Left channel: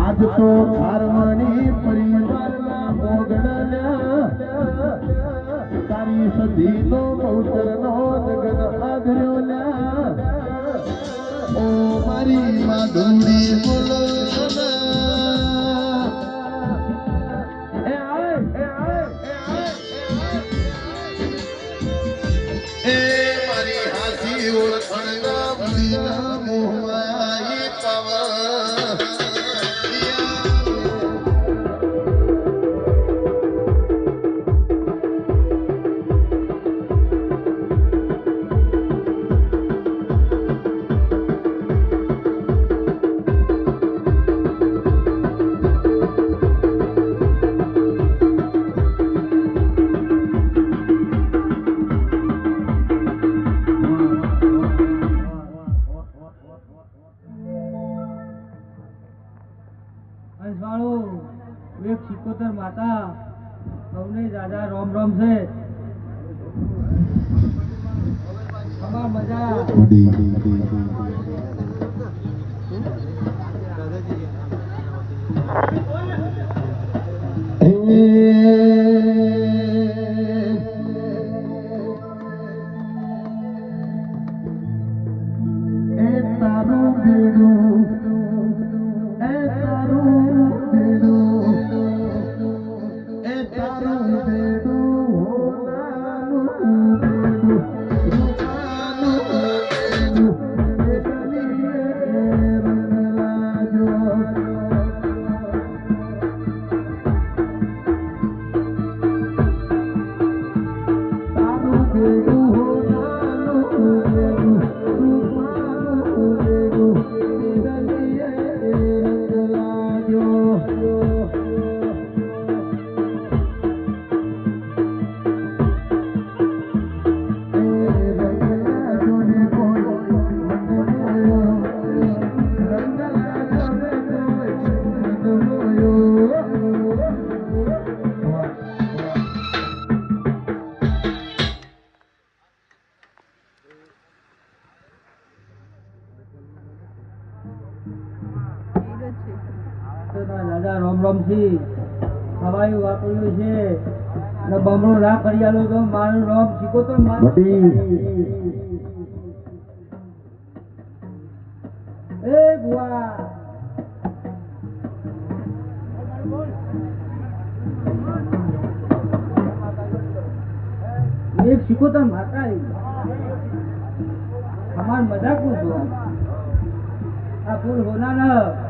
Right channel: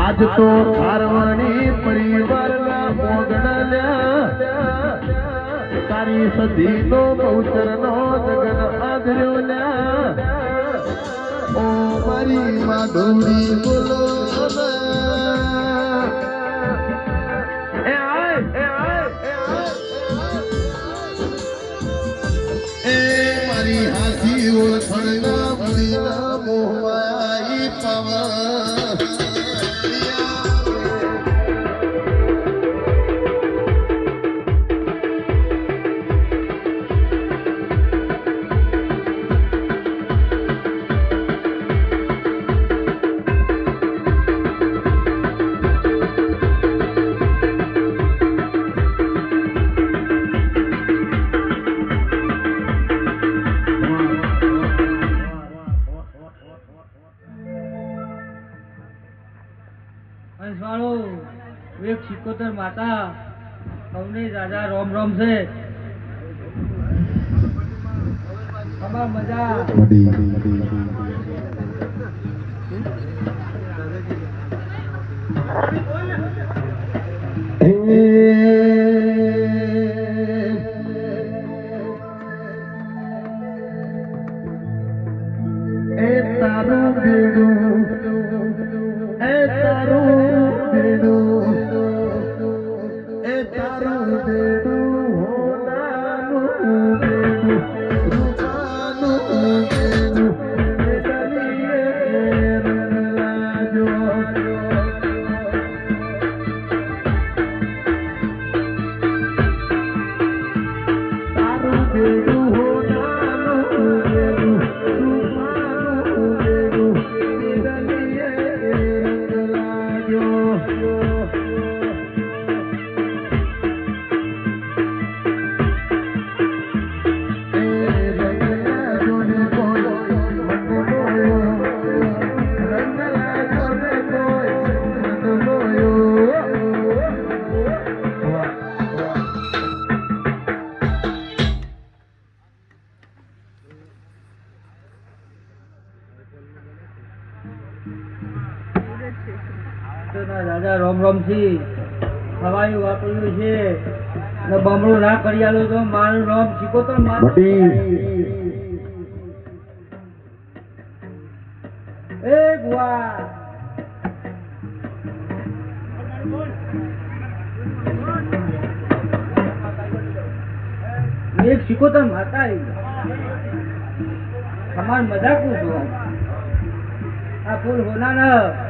આજ તો ખારવાણી પરિવારના મોગણલ્યા તારી સધીનો બહુચરનો જગન આધર્યો ઓ મારી માધુરી એક સિકોતર માતા સૌની દાદા રોમ રોમ છે. મજા દાદા રોમ રોમથી હવાયું વાપર્યું છે. અને બમણું ના કરી આલું તો મારું રોમ સિકોતર માતા એ ગુવા એક સિકોતર માતા તમારે મજાક પૂછો છો આ ફૂલ હોના